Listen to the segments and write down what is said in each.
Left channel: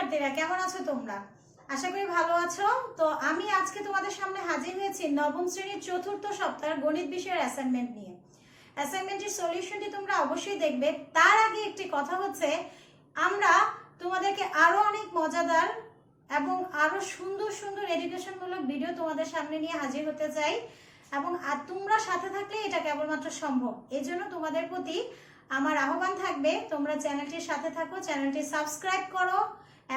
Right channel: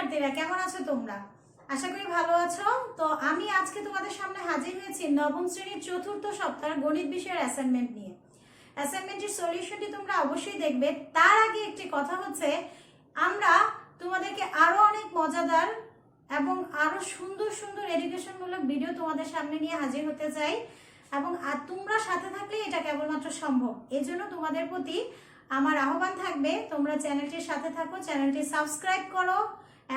শিক্ষার্থীরা, কেমন আছো তোমরা? আশা করি ভালো আছো। তো আমি আজকে তোমাদের সামনে হাজির হয়েছি নবম শ্রেণীর চতুর্থ সপ্তাহের গণিত বিষয়ের অ্যাসাইনমেন্ট নিয়ে। অ্যাসাইনমেন্টের সলিউশনটি তোমরা অবশ্যই দেখবে। তার আগে একটি কথা হচ্ছে, আমরা তোমাদেরকে আরো অনেক মজাদার এবং আরো সুন্দর সুন্দর এডুকেশনমূলক ভিডিও তোমাদের সামনে নিয়ে হাজির হতে চাই, এবং তোমরা সাথে থাকলে এটা কেবলমাত্র সম্ভব। এই জন্য তোমাদের প্রতি আমার আহ্বান থাকবে, তোমরা চ্যানেলটির সাথে থাকো, চ্যানেলটি সাবস্ক্রাইব করো,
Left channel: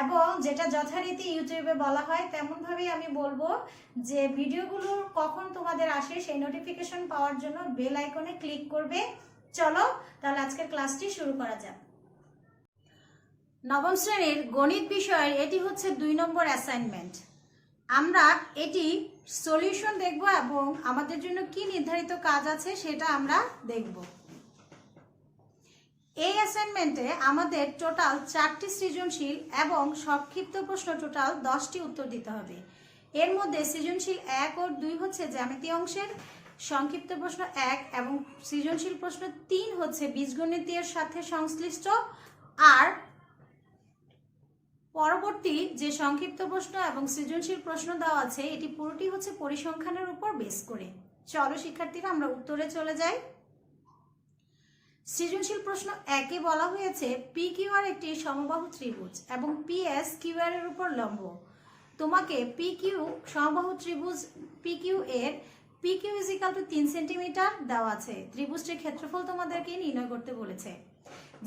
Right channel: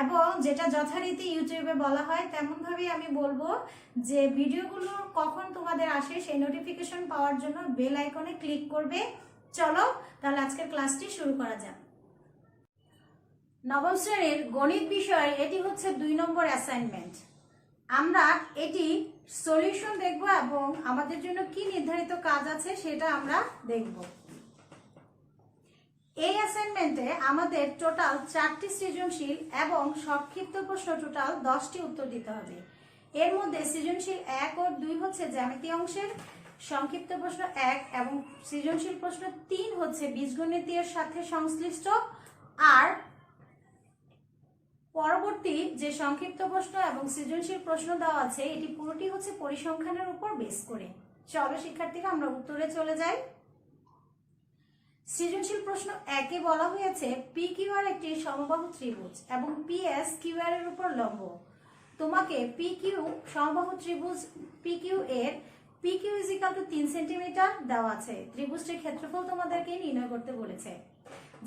এবং যেটা যথারীতি ইউটিউবে বলা হয় তেমনভাবেই আমি বলবো যে ভিডিওগুলো কখন তোমাদের আসে সেই নোটিফিকেশন পাওয়ার জন্য বেল আইকনে ক্লিক করবে। চলো তাহলে আজকের ক্লাসটি শুরু করা যাক। নবম শ্রেণীর গণিত বিষয় এটি হচ্ছে 2 নম্বর অ্যাসাইনমেন্ট। আমরা এটি সলিউশন দেখব এবং আমাদের জন্য কি নির্ধারিত কাজ আছে সেটা আমরা দেখব। এই অ্যাসাইনমেন্টে আমাদের টোটাল 4টি সৃজনশীল এবং সংক্ষিপ্ত প্রশ্ন টোটাল 10টি উত্তর দিতে হবে। এর মধ্যে সৃজনশীল 1 ও 2 হচ্ছে জ্যামিতি অংশের, সংক্ষিপ্ত প্রশ্ন 1 এবং সৃজনশীল প্রশ্ন 3 হচ্ছে বীজগণিতের সাথে সংশ্লিষ্ট। আর পরবর্তী যে সংক্ষিপ্ত প্রশ্ন এবং সৃজনশীল প্রশ্ন দেওয়া আছে এটি পুরোটি হচ্ছে পরিসংখ্যানের উপর বেস করে। চলো শিক্ষার্থীরা আমরা উত্তরে চলে যাই। সৃজনশীল প্রশ্ন 1-এ বলা হয়েছে পি কিউ আর একটি সমবাহু ত্রিভুজ এবং পি এস কিউ আর এর উপর লম্ব। তোমাকে পি কিউ সমবাহু ত্রিভুজ পি কিউ এর P Q equal to 3 centimetre দেওয়া আছে। ত্রিভুজটির ক্ষেত্রফল তোমাদেরকে নির্ণয় করতে বলেছে।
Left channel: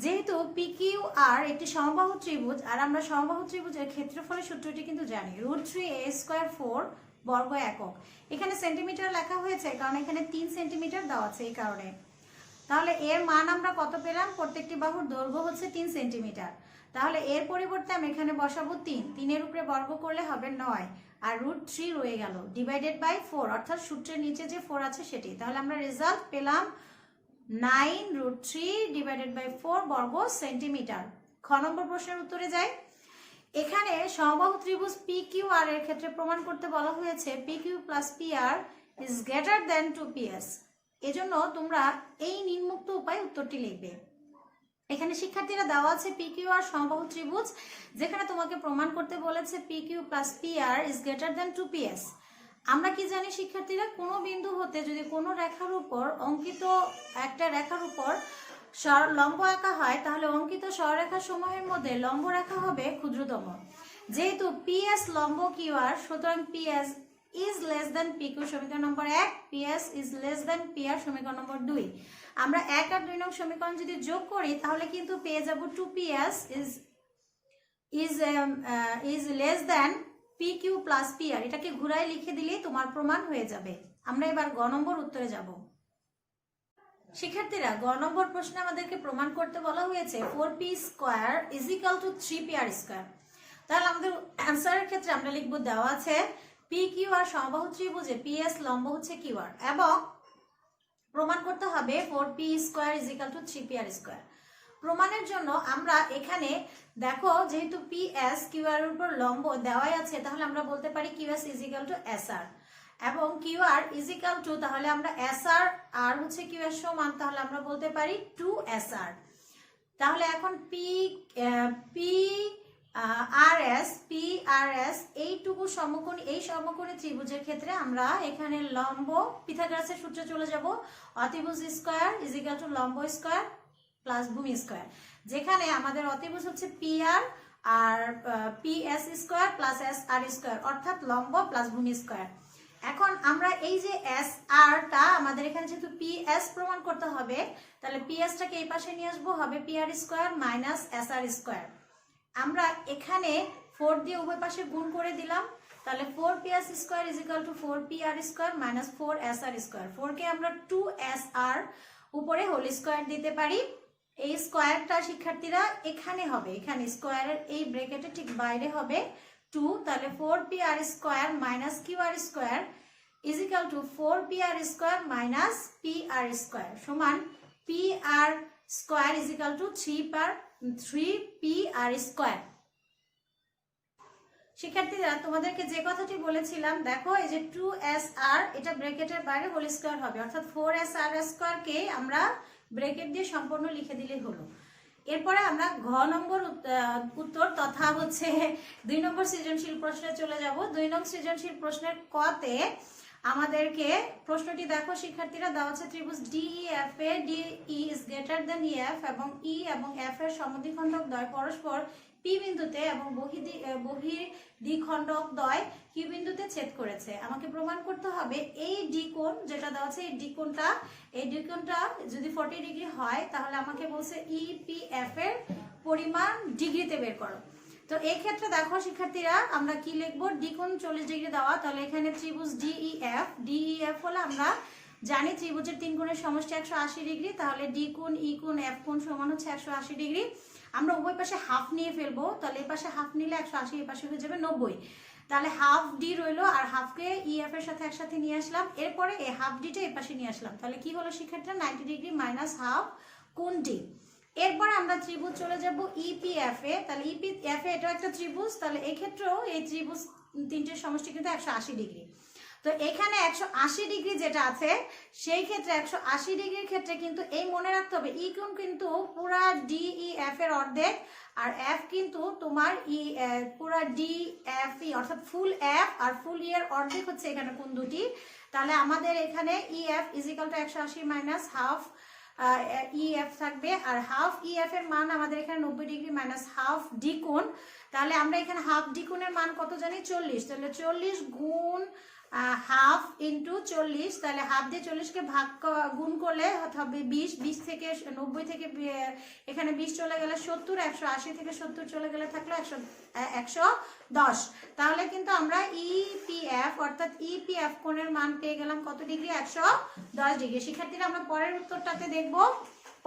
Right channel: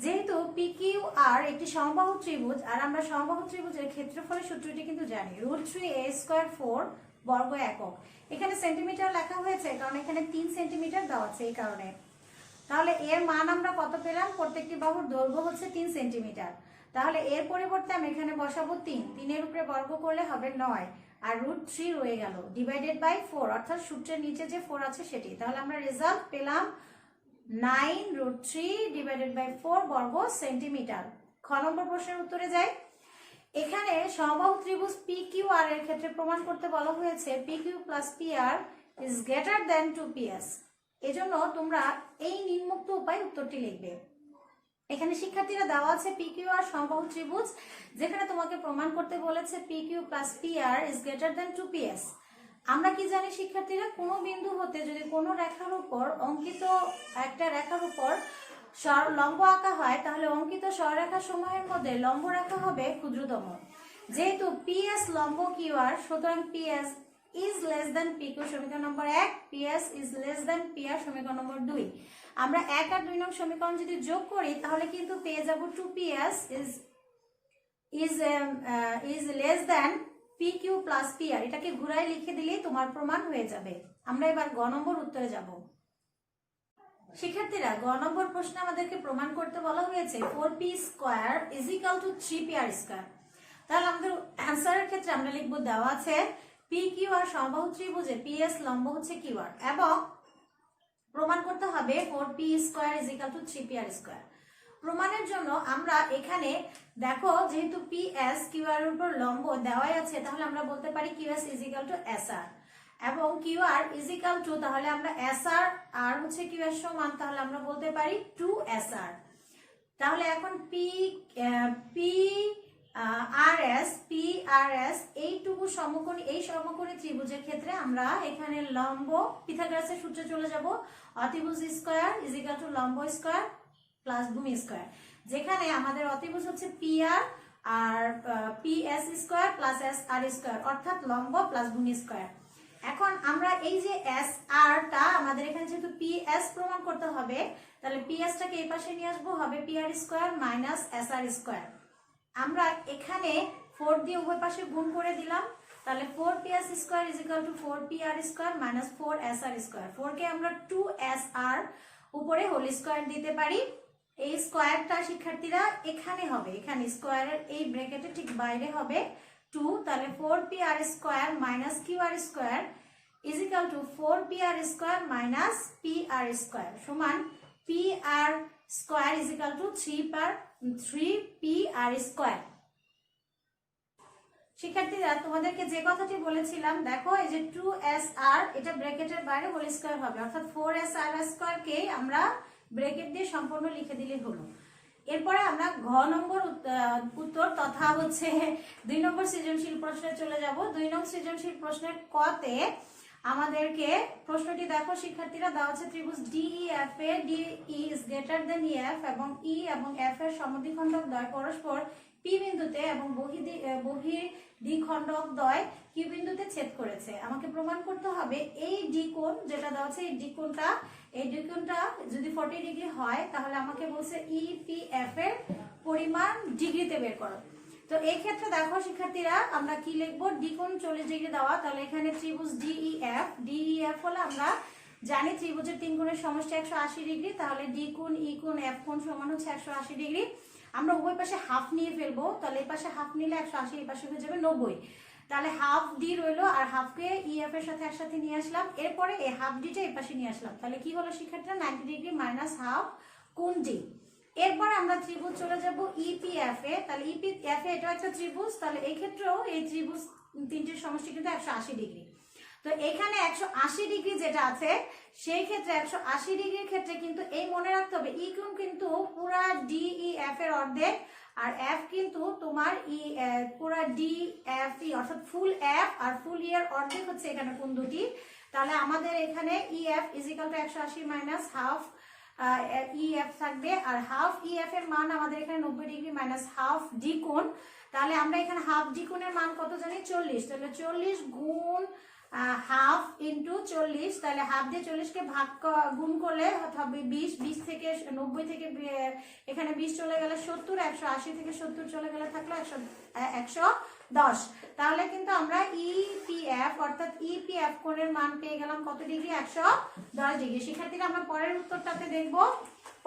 যেহেতু পি কিউ আর একটি সমবাহু ত্রিভুজ আর আমরা সমবাহু ত্রিভুজের ক্ষেত্রফলের সূত্রটি কিন্তু জানি, √3a² 4 বর্গ একক। এখানে সেন্টিমিটার লেখা হয়েছে কারণ এখানে 3 সেন্টিমিটার দেওয়া আছে, এই কারণে। তাহলে এর মান আমরা কত পেলাম? প্রত্যেকটি বাহুর দৈর্ঘ্য হচ্ছে 3 সেন্টিমিটার। তাহলে এর পরিবর্তে আমি এখানে বসাবো 3। 3-এর উপরে বর্গ করলে হবে 9, আর √3 রয়ে গেল, ডিভাইডেড বাই 4, অর্থাৎ সূত্রের নিচে যে 4 আছে সেটি। তাহলে আমরা রেজাল্ট পেলাম 9√3 ডিভাইডেড বাই 4 বর্গ সেন্টিমিটার। খ নম্বর প্রশ্নের উত্তরে যাই। এখানে সমবাহু ত্রিভুজ পি কিউ আর এর ক্ষেত্রে প্রমাণ করতে বলা হয়েছে P Q plus P R is greater than 2ps। এজন্য তোমরা এই নিম্নোক্ত উপায়ে উত্তরটি লিখবে। এখানে শিক্ষার্থীরা দেওয়া আছে পি কিউ আর সমবাহু ত্রিভুজ, যেখানে তোমাকে প্রমাণ করতে বলেছে P Q plus P R is greater than 2ps। আমরা কি জানি শিক্ষার্থীরা, কোনো বিন্দু হতে যদি কোনো রেখার উপর অঙ্কিত একটা রেখার উপর লম্ব আঁকা হয় তাহলে অঙ্কিত সরলরেখা সমূহের মধ্যে লম্ব রেখা হবে ক্ষুদ্রতম। যেহেতু পিএস লম্ব কিউ আর, সুতরাং PS is less than PQ সমীকরণ নম্বর 1, PS is less than PR সমীকরণ নম্বর 2। আমরা 1 আর 2 নং সমীকরণ যদি যোগ করি তাহলে কিন্তু পেয়ে যাব 2PS is less than PQ plus PR। এটাকে ঘুরাই লিখে দিলে তোমার প্রমাণ হয়ে যাবে। আমরা এবার গ নম্বর উত্তরে যাব। শিক্ষার্থীরা, গ নম্বর প্রশ্নে আমাদেরকে প্রমাণ করতে বলা হয়েছে 4p² = 3pr²। তাহলে আমাদের অ্যানসারের ক্ষেত্রে আমরা লিখব, দেওয়া আছে পি কিউ আর সমবাহু ত্রিভুজে পিএস লম্ব হচ্ছে কিউ আর, এবং প্রমাণ করতে হবে 4p² = 3pr²। প্রমাণের জন্য আমরা এখানে দেখো, যেহেতু পিএস কিউ আর এর উপর লম্ব দেওয়াই আছে তাহলে আমরা বলতে পারি কিউএস = SR, এবং কিউ আর = তাহলে আমরা SR আর হচ্ছে কিউএস সমান, তাহলে আমরা বলতে পারি 2SR। তাহলে এখন PRS এইটুকু সমকোণী, এই সমকোণী ত্রিভুজের ক্ষেত্রে আমরা এখানে লম্ব পিথাগোরাসের সূত্রে চলে যাব, অতিভুজ স্কয়ার = লম্ব স্কয়ার প্লাস ভূমি স্কয়ার। যেখানে আমাদের অতিভুজ হচ্ছে PR আর PS² প্লাস SR², অর্থাৎ লম্ব প্লাস ভূমি স্কয়ার। এখন আমরা এই যে SR-টা আমাদের এখানে যেহেতু PS প্রমাণ করতে হবে, তাহলে PS-টাকে এই পাশে নিয়ে আসবো, হবে PR² মাইনাস SR²। আমরা এখানে 4 দিয়ে উভয় পাশে গুণ করে দিলাম, তাহলে 4PS² = 4PR² মাইনাস 4SR²। 4 কে আমরা 2SR উপরে হোল স্কয়ার দিতে পারি। এই স্কয়ারটা শিক্ষার্থীরা এখানে হবে, এখানে স্কয়ারের এই ব্র্যাকেটের ঠিক বাইরে হবে 2। তাহলে 4PR² minus QR² = 4PR² minus PR² সমান PR² = 3PR²। শিক্ষার্থীরা, তোমাদেরকে যে কথাটি বলেছিলাম, দেখো এই যে 2SR এটা ব্র্যাকেটের বাইরে হোল স্কয়ার হবে, অর্থাৎ 4SR² কে আমরা ব্র্যাকেট দিয়ে সম্পূর্ণ লিখে দিলে হলো। এরপরে আমরা ঘ নম্বর উত্তর তথা হচ্ছে 2 নম্বর সৃজনশীল প্রশ্নে চলে যাব। 2 নম্বর সৃজনশীল প্রশ্নের কতে আমাদেরকে প্রশ্নটি দেখো শিক্ষার্থীরা, দেওয়া আছে ত্রিভুজ DEF A DE is greater than EF এবং E এবং F এর সমদ্বিখণ্ডক দ্বয় পরস্পর P বিন্দুতে এবং বহির দ্বিখণ্ডক দ্বয় Q বিন্দুতে ছেদ করেছে। আমাকে প্রমাণ করতে হবে এই ডি কোণ যেটা দেওয়া আছে, এই ডি কোণটা যদি 40 ডিগ্রি হয় তাহলে আমাকে বলছে EPF এর পরিমাণ ডিগ্রিতে বের করো। তো এই ক্ষেত্রে দেখো শিক্ষার্থীরা আমরা কি লিখবো, ডি কোণ 40 ডিগ্রি দেওয়া, তাহলে এখানে ত্রিভুজ DEF হলো আমরা জানি ত্রিভুজের 3 কোণের সমষ্টি 180 ডিগ্রি, তাহলে ডি কোণ ই কোণ এফ কোণ সমান হচ্ছে 180 ডিগ্রি। আমরা উভয় পাশে হাফ নিয়ে ফেলবো, তাহলে এই পাশে হাফ নিলে 180, এই পাশে হয়ে যাবে 90, তাহলে হাফ ডি রইলো আর হাফকে EF এর সাথে একসাথে নিয়ে আসলাম, এরপরে এই হাফ ডিটা এই পাশে নিয়ে আসলাম, তাহলে কি হলো শিক্ষার্থীরা 90 ডিগ্রি মাইনাস হাফ কোণ ডি। এরপরে আমরা ত্রিভুজ চলে যাব EPF এ, তাহলে EPF এ এটা একটা ত্রিভুজ, তাহলে এই ক্ষেত্রেও এই ত্রিভুজ তিনটের সমষ্টি কিন্তু 180 ডিগ্রি। তো এখানে 180 ডিগ্রি যেটা আছে সেই ক্ষেত্রে 180 ডিগ্রির ক্ষেত্রে কিন্তু এই মনে রাখতে হবে ই কোণ কিন্তু পুরা DEF এর অর্ধেক আর F কিন্তু তোমার পুরা DFE অর্থাৎ ফুল F আর ফুল E এর অর্ধেক হচ্ছে এখানে কোণ দুটি। তাহলে আমাদের এখানে EF is equal to 180 minus half EF থাকবে, আর হাফ EF এর মান আমাদের এখানে 90 ডিগ্রি মাইনাস হাফ ডি কোণ। তাহলে আমরা এখানে হাফ ডি কোণের মান কত জানি 40, তাহলে 40 গুণ হাফ ইন্টু 40, তাহলে হাফ দিয়ে 40 কে গুণ করলে হবে 20 থেকে 90 থেকে এখানে 20 চলে গেলে 70, 180 থেকে 70 চলে গেলে থাকলো 110। তাহলে কিন্তু আমরা EPF অর্থাৎ EPF কোণের মান পেয়ে গেলাম কত ডিগ্রি, 110 ডিগ্রি। শিক্ষার্থীরা আমরা পরের উত্তরটাতে দেখবো।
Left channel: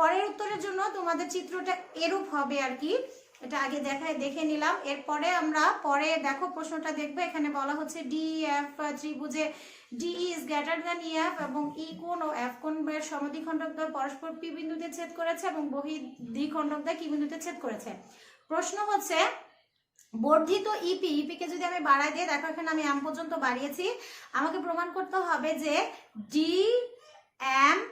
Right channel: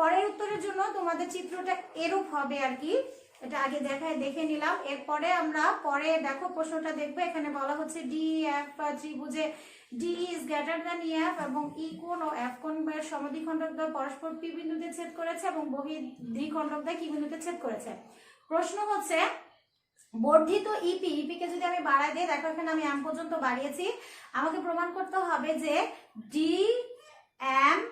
পরের উত্তরের জন্য তোমাদের চিত্রটা এরূপ হবে আর কি, এটা আগে দেখে নিলাম। এরপরে আমরা পরে দেখো প্রশ্নটা দেখবো, এখানে বলা হচ্ছে DEF ত্রিভুজে DE is greater than EF এবং E কোণ ও F কোণ এর সমদ্বিখণ্ডক দ্বয় পরস্পর P বিন্দুতে ছেদ করেছে এবং বহির দ্বিখণ্ডক দ্বয় Q বিন্দুতে ছেদ করেছে। প্রশ্ন হচ্ছে বর্ধিত ইপি কে যদি আমি বাড়াই দিই, দেখো এখানে আমি এম পর্যন্ত বাড়িয়েছি, আমাকে প্রমাণ করতে হবে যে DME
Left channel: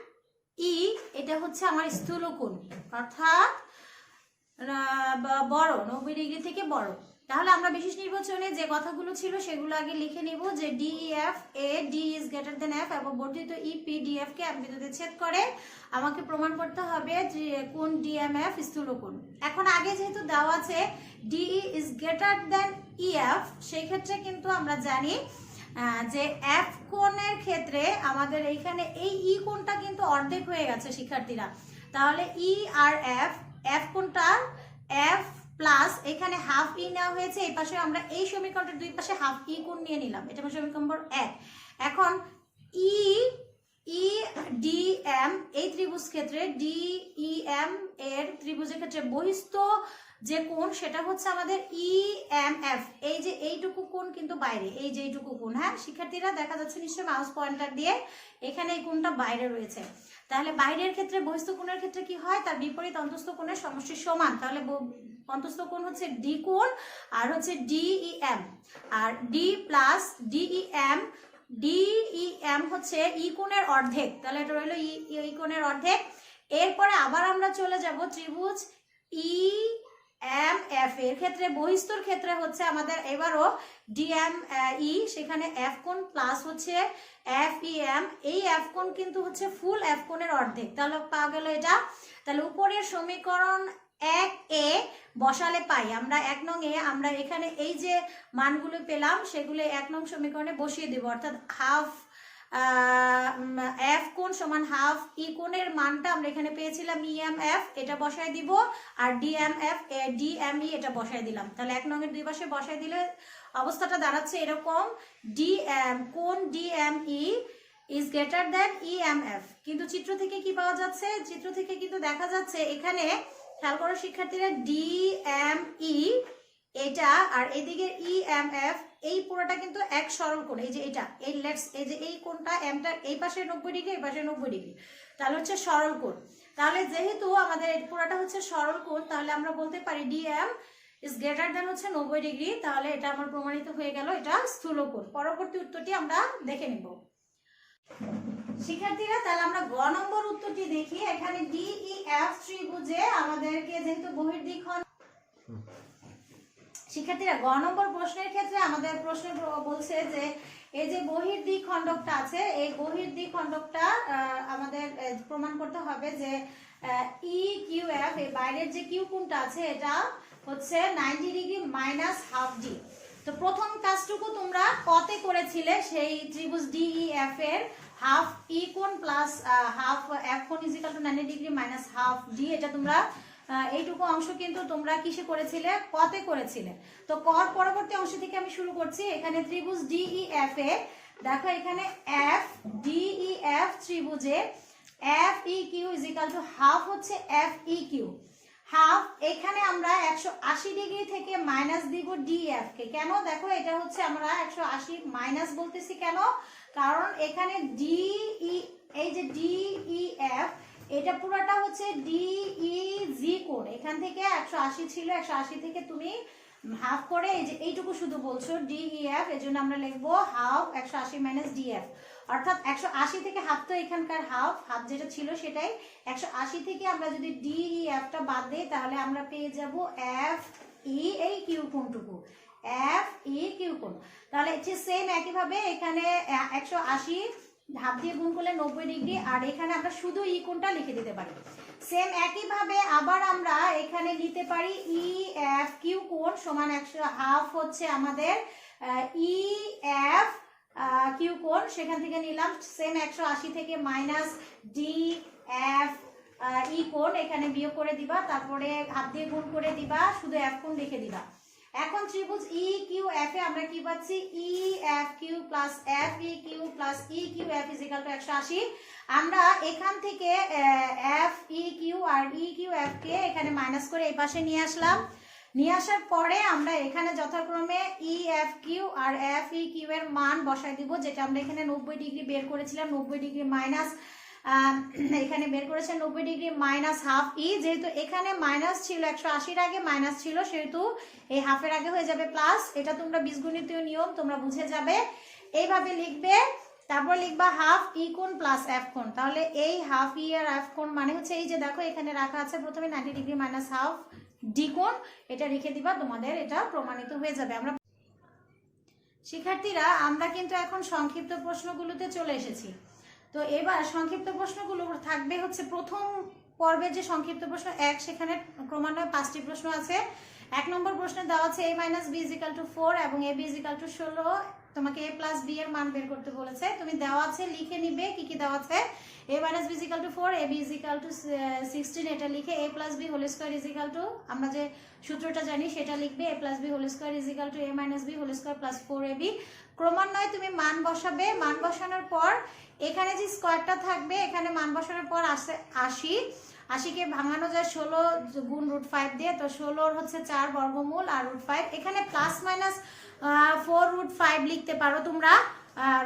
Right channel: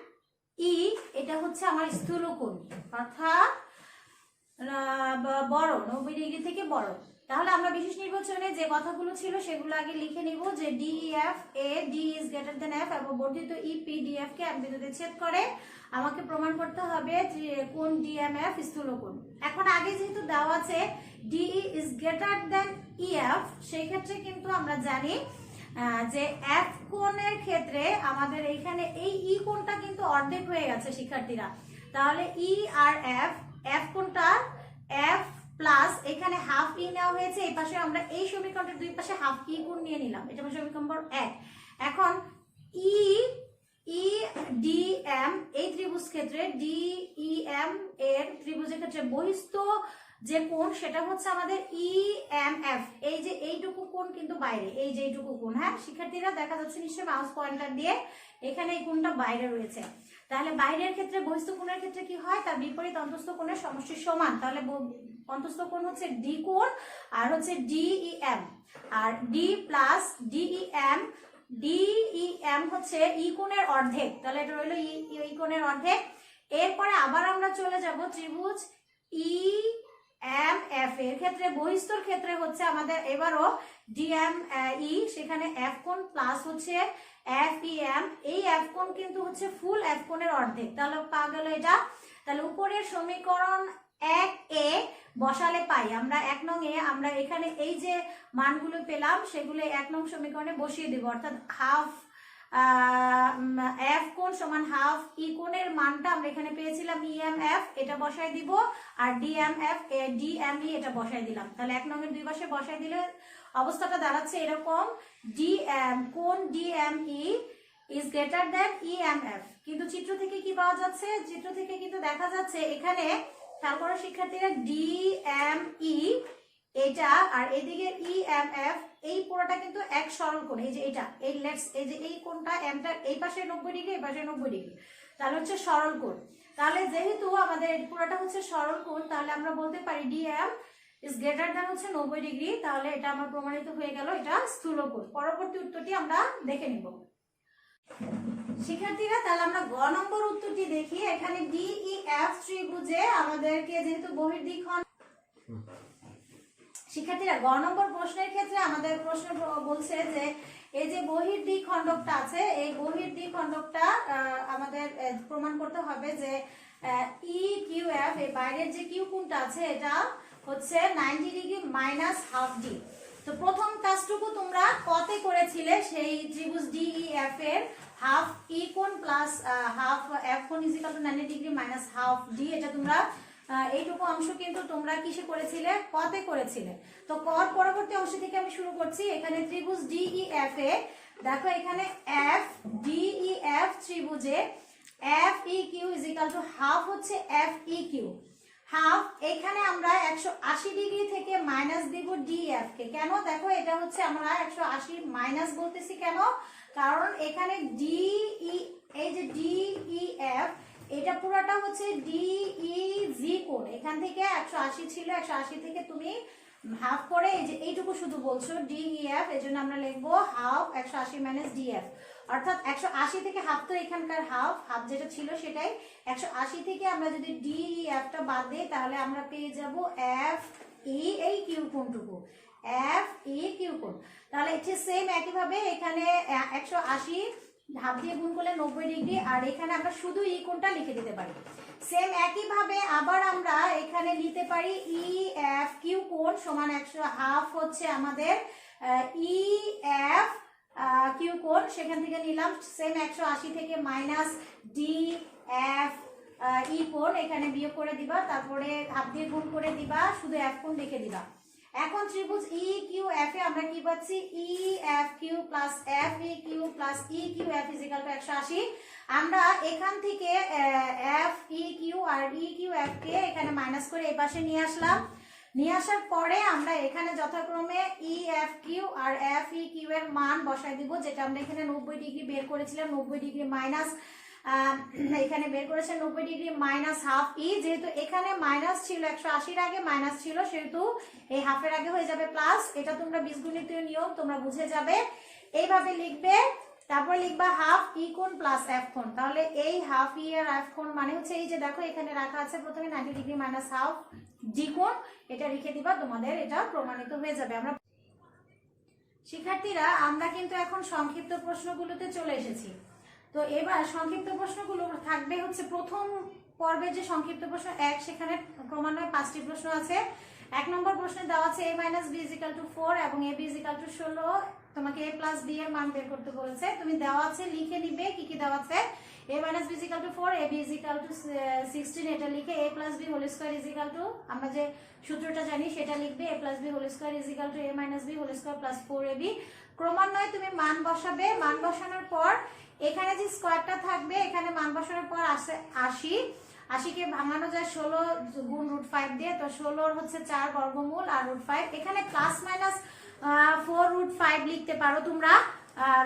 এটা হচ্ছে আমার স্থূল কোণ অর্থাৎ বড় 90 ডিগ্রি থেকে বড়। তাহলে আমরা বিশেষ নির্বাচনে যে কথাগুলো ছিল সেগুলো আগে লিখে নিব যে DEF A DE is greater than F এবং বর্ধিত EPDF কে এক বিন্দুতে ছেদ করে। আমাকে প্রমাণ করতে হবে যে কোণ DMF স্থূল কোণ। এখন আগে যেহেতু দেওয়া আছে DE is greater than EF, সেই ক্ষেত্রে কিন্তু আমরা জানি যে F কোণের ক্ষেত্রে আমাদের এইখানে এই E কোণটা কিন্তু অর্ধেক হয়ে গেছে শিক্ষার্থীরা, তাহলে E আর F কোণটা F প্লাস এখানে হাফ E নেওয়া হয়েছে, এই পাশে আমরা এই সমীকরণের দুই পাশে হাফ E কোণ নিয়ে নিলাম, এটা হচ্ছে সমীকরণ নম্বর 1। এখন EDM এই ত্রিভুজ ক্ষেত্রে DEM এর ত্রিভুজের ক্ষেত্রে বহিস্থ যে কোণ সেটা হচ্ছে আমাদের EMF, এই যে এইটুকু কোণ কিন্তু বাইরে, এই যে এইটুকু কোণ, হ্যাঁ শিক্ষার্থীরা দেখা যাচ্ছে নিশ্চয়ই মাউস পয়েন্টার দিয়ে, এখানে এই কোণটা বাইরে রয়েছে। তাহলে বাইরের ক্ষেত্রে বহিস্থ কোণের ক্ষেত্রে কি হয়, তার বিপরীত অন্তঃস্থ কোণের সমষ্টি সমান, তাহলে অন্তঃস্থ কোণ হচ্ছে ডি কোণ আর হচ্ছে DEM, আর ডি প্লাস DEM হচ্ছে ই কোণের অর্ধেক, তাহলে এটা হলো ই কোণের অর্ধেক। এরপরে আবার আমরা চলে যাব ত্রিভুজ EMF এর ক্ষেত্রে বহিস্থর ক্ষেত্রে হচ্ছে আমাদের এবারও DME, সেখানে F কোণ প্লাস হচ্ছে FEM, এই F কোণ কিন্তু হচ্ছে ফুল F কোণের অর্ধেক, তাহলে পাওয়া গেল এটা। তাহলে উপরের সমীকরণ 1 এ বসালে পাই আমরা 1 নং এ আমরা এখানে এই যে মানগুলো পেলাম সেগুলো 1 নং সমীকরণে বসিয়ে দেব, অর্থাৎ হাফ F কোণ সমান হাফ E কোণের মানটা আমরা এখানে পেয়েছিলাম EMF, এটা বসাই দিব, আর DME এটা বসাই দিলাম। তাহলে 1 নং এর দুই পাশে বসাই দিলে অবস্থাটা দাঁড়াচ্ছে এরকম, কোণ DME is greater than EMF। কিন্তু চিত্র থেকে কি পাওয়া যাচ্ছে, চিত্র থেকে কিন্তু দেখা যাচ্ছে এখানে খেয়াল করো শিক্ষার্থীরা DME এটা আর এদিকে EMF, এই পুরোটা কিন্তু এক সরল কোণ, এই যে এটা এই যে এই কোণটা এমটার এই পাশে 90 ডিগ্রি এই পাশে 90 ডিগ্রি, তাহলে হচ্ছে সরল কোণ। তাহলে যেহেতু আমাদের এই পুরোটা হচ্ছে সরল কোণ, তাহলে আমরা বলতে পারি DM ইজ গ্রেটার দ্যান হচ্ছে 90 ডিগ্রি, তাহলে এটা আমার প্রমাণিত হয়ে গেল এটা স্থূল কোণ। পরবর্তী উত্তরটি আমরা দেখে নিব। শিক্ষার্থীরা তাহলে আমরা গ নম্বর উত্তরটি দেখি। এখানে DEF ত্রিভুজে আমাদেরকে যেহেতু বহির্দ্বিখণ্ড, শিক্ষার্থীরা গ নম্বর প্রশ্নের ক্ষেত্রে আমাদের প্রশ্ন বলছে যে এই যে বহির্দ্বিখণ্ডকটা আছে, এই বহির্দ্বিখণ্ডকটা আমাদের প্রমাণ করতে হবে যে EQF, এই বাইরের যে কিউ কোণটা আছে এটা হচ্ছে 90 ডিগ্রি মাইনাস হাফ ডি। তো প্রথম কাজটুকু তোমরা কতে করেছিলে, সেই ত্রিভুজ DEF এর হাফ ই কোণ প্লাস হাফ এফ কোণ is equal two 90 degree minus half D, এটা তোমরা এইটুকু অংশ কিন্তু তোমরা কিসে করেছিলে, কতে করেছিলে। তো কর পরবর্তী অংশ থেকে আমি শুরু করছি। এখানে ত্রিভুজ DEF এ দেখো এখানে F DEF ত্রিভুজে FEQ is equal to half হচ্ছে FEQ হাফ। এখানে আমরা 180 ডিগ্রি থেকে মাইনাস দিব DF কে। কেন? দেখো এটা হচ্ছে আমরা 180 মাইনাস বলতেছি কেন, কারণ এখানে এই যে DEF এটা পুরোটা হচ্ছে DEG কোণ, এখান থেকে 180 ছিল, 180 থেকে তুমি হাফ করে এই যে এইটুকু শুধু বলছো DEF, এজন্য আমরা লিখবো হাফ 180 মাইনাস DF, অর্থাৎ 180 থেকে হাফ, তো এখানকার হাফ যেটা ছিল সেটাই 180 থেকে আমরা যদি DEF টা বাদ দেই তাহলে আমরা পেয়ে যাব FE এই কিউ কোণটুকু, FEQ কোণ। তাহলে এটা সেম একই ভাবে এখানে 180 হাফ দিয়ে গুণ করলে 90 ডিগ্রি, আর এখানে আমরা শুধু ই কোণটা লিখে দিতে পারি। সেম একই ভাবে আবার আমরা এখানে নিতে পারি EFQ কোণ সমান 100 হাফ হচ্ছে আমাদের EF কিউ কোণ, সেখান থেকে নিলাম সেম 180 থেকে মাইনাস DF ই কোণ, এখানে বিয়োগ করে দিবা, তারপরে হাফ দিয়ে গুণ করে দিবা, শুধু এফ কোণ লিখে দিবা। এখন ত্রিভুজ EQF এ আমরা কি পাচ্ছি, EFQ plus FEQ plus EQF is equal two 180। আমরা এখান থেকে FEQ আর EQF কে এখানে মাইনাস করে এই পাশে নিয়ে আসলাম। নিয়ে আসার পরে আমরা এখানে যথাক্রমে EFQ আর FEQ এর মান বসাই দিব, যেটা আমরা এখানে 90 ডিগ্রি বের করেছিলাম, 90 ডিগ্রি মাইনাস এখানে বের করেছে 90 ডিগ্রি মাইনাস হাফ ই, যেহেতু এখানে মাইনাস ছিল 180 এর আগে মাইনাস ছিল, সেহেতু এই হাফের আগে হয়ে যাবে প্লাস। এটা তোমরা বীজগণিতীয় নিয়ম তোমরা বুঝে যাবে, এইভাবে লিখবে। তারপর লিখবা হাফ ই কোণ প্লাস এফ কোণ। তাহলে এই হাফ ই আর এফ কোণ মানে হচ্ছে এই যে দেখো এখানে রাখা আছে প্রথমে 90 ডিগ্রি মাইনাস হাফ ডি কোণ, এটা লিখে দিবা, তোমাদের এটা প্রমাণিত হয়ে যাবে। আমরা শিক্ষার্থীরা আমরা কিন্তু এখন সংক্ষিপ্ত প্রশ্নগুলোতে চলে এসেছি। তো এবার সংক্ষিপ্ত প্রশ্নগুলো থাকবে হচ্ছে প্রথম পর্বের যে সংক্ষিপ্ত প্রশ্ন 1, সেখানে ক্রমান্বয়ে 5টি প্রশ্ন আছে। 1 নম্বর প্রশ্নে দেওয়া আছে a - b = 4 এবং ab = 16। তোমাকে a + b এর মান বের করতে বলেছে, তুমি দেওয়া আছে লিখে নিবে কি কি দেওয়া আছে। a - b = 4, ab = 16, এটা লিখে a + b হোল স্কয়ার = আমরা যে সূত্রটা জানি সেটা লিখবে, a + b whole square = a - b whole square + 4ab। ক্রমান্বয়ে তুমি মান বসাবে, মান বসানোর পর এখানে যে স্কয়ারটা থাকবে, এখানে মান বসানোর পর আসে 80, 80 কে ভাঙানো যায় 16 গুণ √5 দিয়ে, তো 16 হচ্ছে 4 বর্গমূল আর √5, এখানে প্লাস মাইনাস 4 √5 লিখতে পারো তোমরা,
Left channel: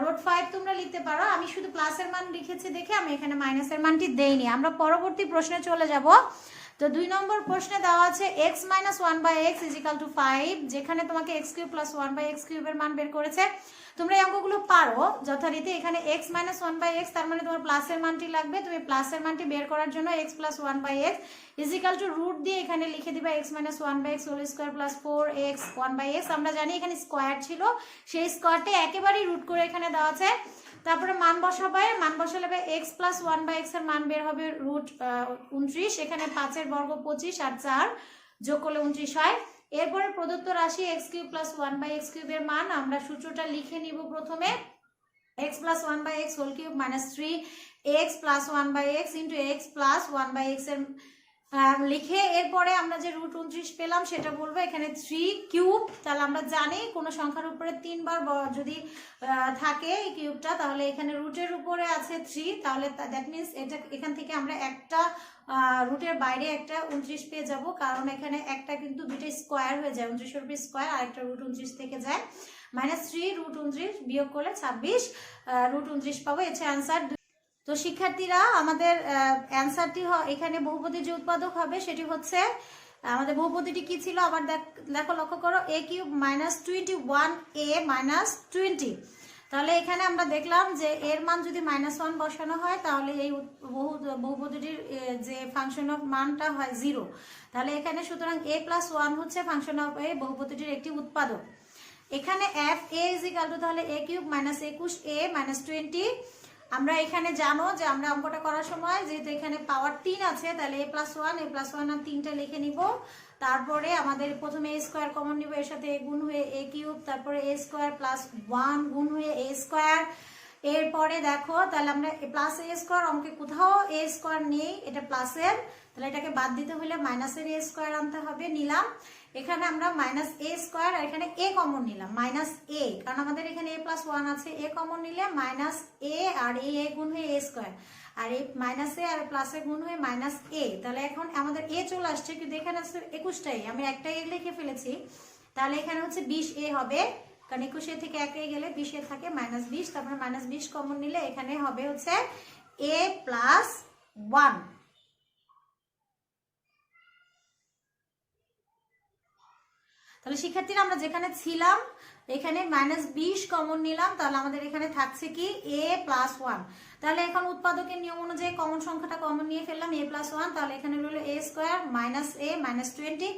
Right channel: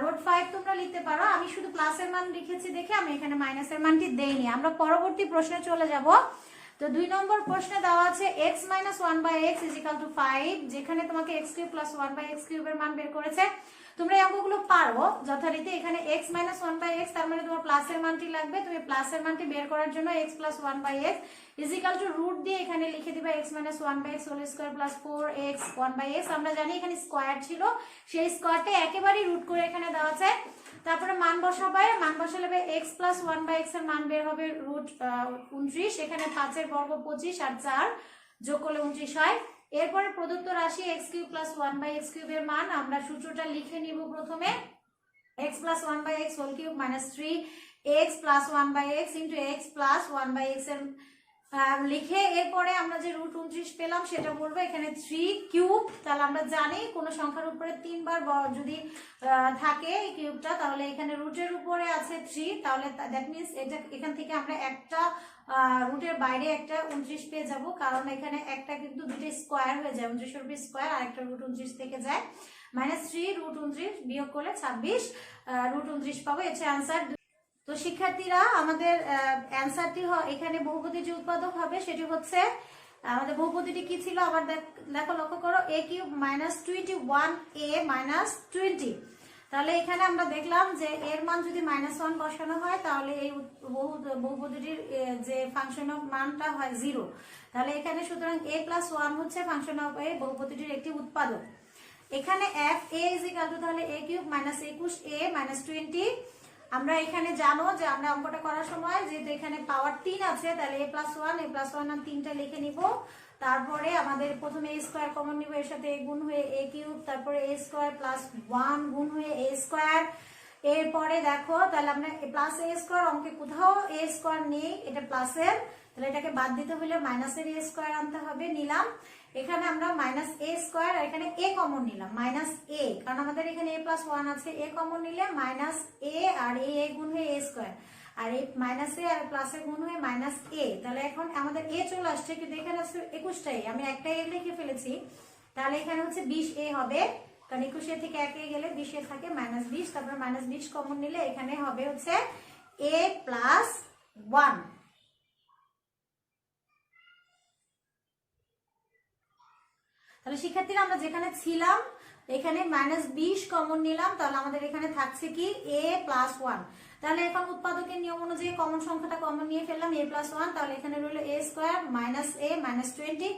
√5 তোমরা লিখতে পারো। আমি শুধু প্লাসের মান লিখেছি দেখে আমি এখানে মাইনাসের মানটি দেইনি। আমরা পরবর্তী প্রশ্নে চলে যাব। তো 2 নম্বর প্রশ্নে দেওয়া আছে x - 1/x = 5, যেখানে তোমাকে x³ + 1/x³ এর মান বের করেছে। তোমরা এই অঙ্কগুলো পারো যথারীতি। এখানে x - 1/x তার মানে তোমার প্লাসের মানটি লাগবে, তুমি প্লাসের মানটি বের করার জন্য x + 1/x √ দিয়ে এখানে লিখে দিবা x - 1/x whole square + 4x 1/x। আমরা জানি এখানে স্কয়ার ছিল, সেই স্কয়ারটা একেবারেই রুট করে এখানে দেওয়া আছে। তারপরে মান বসাবে, মান বসালে x + 1/x এর মান বের হবে √29, এখানে 5 এর বর্গ 25 আর 4 যোগ করলে 29 হয়। এরপরে প্রদত্ত রাশি x³ + 1/x³ এর মান আমরা সূত্রটা লিখে নিব। প্রথমে x + 1/x whole cube - 3x + 1/x * x + 1/x এর লিখে এরপরে আমরা যে √29 পেলাম সেটা বলবো। এখানে 3³ তাহলে আমরা জানি কোন সংখ্যার উপরে 3 বার যদি থাকে এই কিউবটা, তাহলে এখানে রুটের উপরে আছে 3, তাহলে দ্যাট মিন্স এটা এখান থেকে আমরা একটা রুটের বাইরে একটা 29 পেয়ে যাব, কারণ এখানে একটা কিন্তু দুটো স্কয়ার হয়ে যায়, 29 এর উপর স্কয়ার আর একটা √29 থেকে যায়। -3 √29 বিয়োগ করলে 26 √29 পাবো, এটা आंसर। তো শিক্ষার্থীরা আমাদের অ্যানসারটি এখানে বহুপদীর যে উৎপাদক হবে সেটি হচ্ছে আমাদের বহুপদীটি কি ছিল আবার দেখো, লক্ষ্য করো a³ - 21a - 20। তাহলে এখানে আমরা দেখলাম যে এর মান যদি -1 বসানো হয় তাহলে এই বহুপদীটির যে ফাংশন অফ মানটা হয় 0। তাহলে এখানে সুতরাং a+1 হচ্ছে ফাংশন অফ এই বহুপদীটির একটি উৎপাদক। এখানে fa তাহলে a³ -21a 20। আমরা এখানে জানো যে আমরা অঙ্কটা করার সময় যেহেতু এখানে পাওয়ার 3 আছে তাহলে a+1 আর 3টা লিখে নিব। তারপরে আমাদের প্রথমে a স্কয়ার কমন নিব, এর সাথে a গুণ হয়ে a³, তারপরে a স্কয়ার +1 গুণ হয়ে a স্কয়ার। এরপরে দেখো তাহলে আমরা প্লাস a স্কয়ার অঙ্কে কোথাও a স্কয়ার নেই, এটা প্লাসের, তাহলে এটাকে বাদ দিতে হলে মাইনাসের a স্কয়ার আনতে হবে, নিলাম। এখানে আমরা -a স্কয়ার আর এখানে a কমন নিলাম -a, কারণ আমাদের এখানে a+1 আছে, a কমন নিলে -a আর a গুণ হয়ে a স্কয়ার, আর এই -a আর প্লাসের গুণ হয়ে -a। তাহলে এখন আমাদের a চলে আসছে, কিন্তু এখানে আছে 21টাই, আমি একটাই লিখে ফেলেছি। তাহলে এখানে হচ্ছে 20a হবে, কারণ 21a থেকে 1 গেলে 20a থাকে -20, তারপর -20 কমন নিলে এখানে হবে হচ্ছে a+1। তাহলে শিক্ষার্থীরা আমরা যেখানে ছিলাম এখানে -20 কমন নিলাম, তাহলে আমাদের এখানে থাকছে কি a+1। তাহলে এখন উৎপাদকের নিয়ম অনুযায়ী কমন সংখ্যাটা কমন নিয়ে ফেললাম a+1, তাহলে এখানে রইল a স্কয়ার -a 20।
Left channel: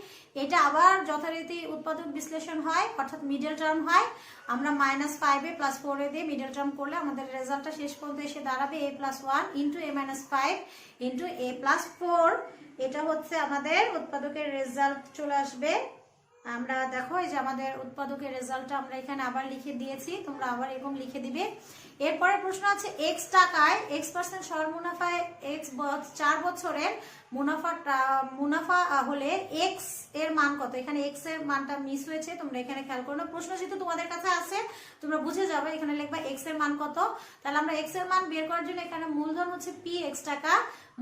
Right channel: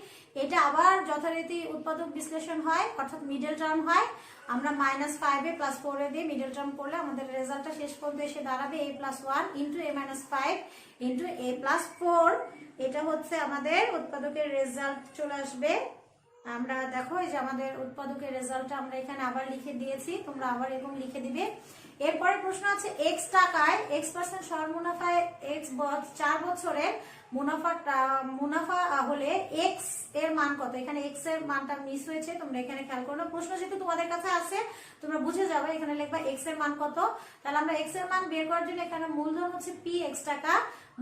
এটা আবার যথারীতি উৎপাদক বিশ্লেষণ হয়, অর্থাৎ মিডল টার্ম হয়। আমরা -5a + 4a দিয়ে মিডল টার্ম করলে আমাদের রেজাল্টটা শেষ পর্যন্ত এসে দাঁড়াবে a+1 * a-5 * a+4। এটা হচ্ছে আমাদের উৎপাদকের রেজাল্ট চলে আসবে। আমরা দেখো এই যে আমাদের উৎপাদকের রেজাল্টটা আমরা এখানে আবার লিখে দিয়েছি, তোমরা আবার এরকম লিখে দিবে। এরপরে প্রশ্ন আছে x টাকায় x% সর মুনাফায় x 4 বছরের মুনাফা হলে x এর মান কত। এখানে x এর মানটা মিস হয়েছে, তোমরা এখানে খেয়াল করো না, প্রশ্ন যেহেতু তোমাদের কাছে আছে তোমরা বুঝে যাবে। এখানে লিখবা x এর মান কত। তাহলে আমরা x এর মান বের করার জন্য এখানে মূলধন হচ্ছে p x টাকা,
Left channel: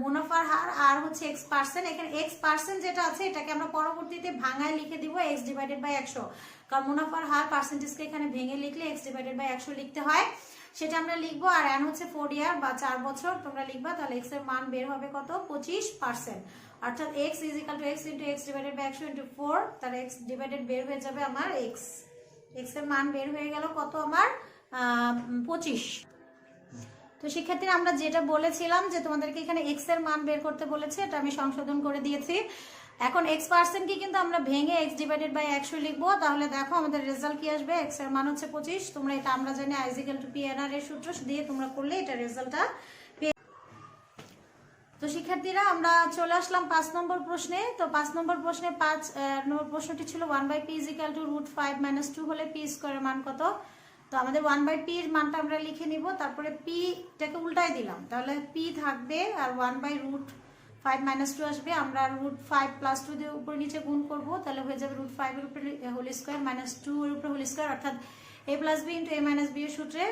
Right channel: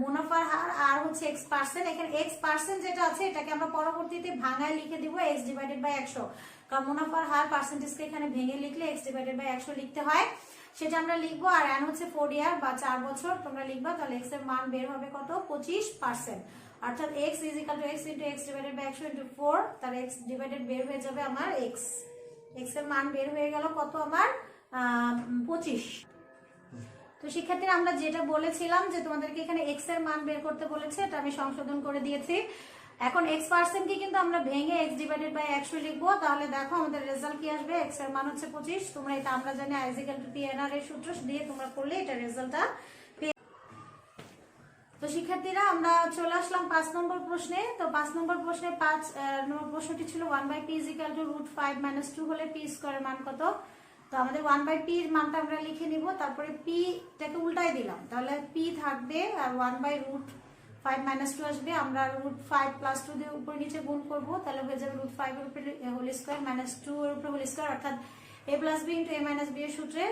মুনাফার হার আর হচ্ছে x%। এখানে x% যেটা আছে এটাকে আমরা পরবর্তীতে ভাঙায় লিখে দিব x / 100, কারণ মুনাফার হার পার্সেন্টেজকে এখানে ভেঙে লিখলে x / 100 লিখতে হয়, সেটা আমরা লিখবো। আর n হচ্ছে 4 ইয়ার বা 4 বছর তোমরা লিখবা। তাহলে x এর মান বের হবে কত 25%, অর্থাৎ x = x * x / 100 * 4। তাহলে x ডিভাইডেড বের হয়ে যাবে আমার x এর মান বের হয়ে গেল কত আমার 25। তো শিক্ষার্থীরা আমরা যেটা বলেছিলাম যে তোমাদেরকে এখানে x এর মান বের করতে বলেছে, এটা আমি সংশোধন করে দিয়েছি। এখন x% কি কিন্তু আমরা ভেঙে x / 100 লিখবো। তাহলে দেখো আমাদের রেজাল্ট কি আসবে, x এর মান হচ্ছে 25। তোমরা এটা আমরা জানি I = PNR এর সূত্র দিয়ে তোমরা করলে এটা রেজাল্টটা। তো শিক্ষার্থীরা আমরা চলে আসলাম 5 নম্বর প্রশ্নে। তো 5 নম্বর প্রশ্নে 5 নম্বর প্রশ্নটি ছিল 1/p = √5 - 2 হলে p স্কয়ার এর মান কত। তো আমাদের 1/p এর মানটা আমরা লিখে নিব, তারপরে p টাকে উল্টাই দিলাম, তাহলে p থাকবে আর 1/√5 - 2 আসবে। আমরা √5 + 2 দিয়ে উপরে নিচে গুণ করব, তাহলে হয়ে যাবে √5 এর উপরে হোল স্কয়ার -2 এর উপরে হোল স্কয়ার, অর্থাৎ a + b * a - b এর সূত্রে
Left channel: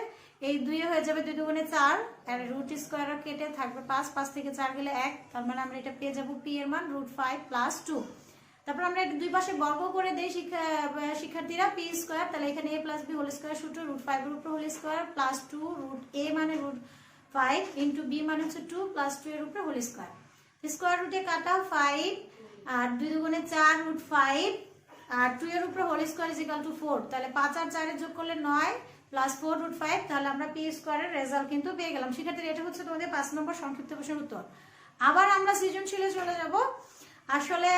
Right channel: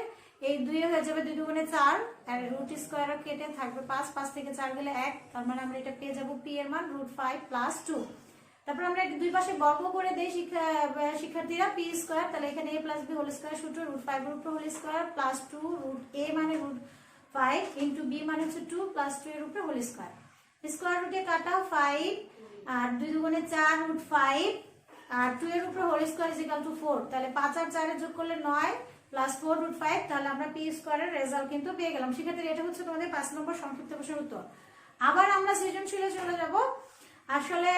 এই 2 এ হয়ে যাবে 2 দুগুণে 4 আর রুট স্কয়ার কেটে থাকবে 5 থেকে 4 গেলে 1, তার মানে আমরা এটা পেয়ে যাব p এর মান √5 + 2। তারপর আমরা এটা দুই পাশে বর্গ করে দেই শিক্ষার্থীরা p স্কয়ার, তাহলে এখানে a + b হোল স্কয়ার সূত্র √5 এর উপরে হোল স্কয়ার + 2 √a মানে √5 * b মানে হচ্ছে 2 + 2 এর উপরে হোল স্কয়ার। স্কয়ার রুটে কাটা 5 আর 2 দুগুণে 4 √5 আর 2 এর উপরে হোল স্কয়ার = 4, তাহলে 5 আর 4 এর যোগ করলে 9 + 4 √5, তাহলে আমরা p স্কয়ারের রেজাল্ট কিন্তু পেয়ে গেলাম। শিক্ষার্থীরা এটা হচ্ছে তোমাদের 5 নম্বর সংক্ষিপ্ত প্রশ্নের উত্তর। আবার আমরা সৃজনশীলে চলে যাব। আসলে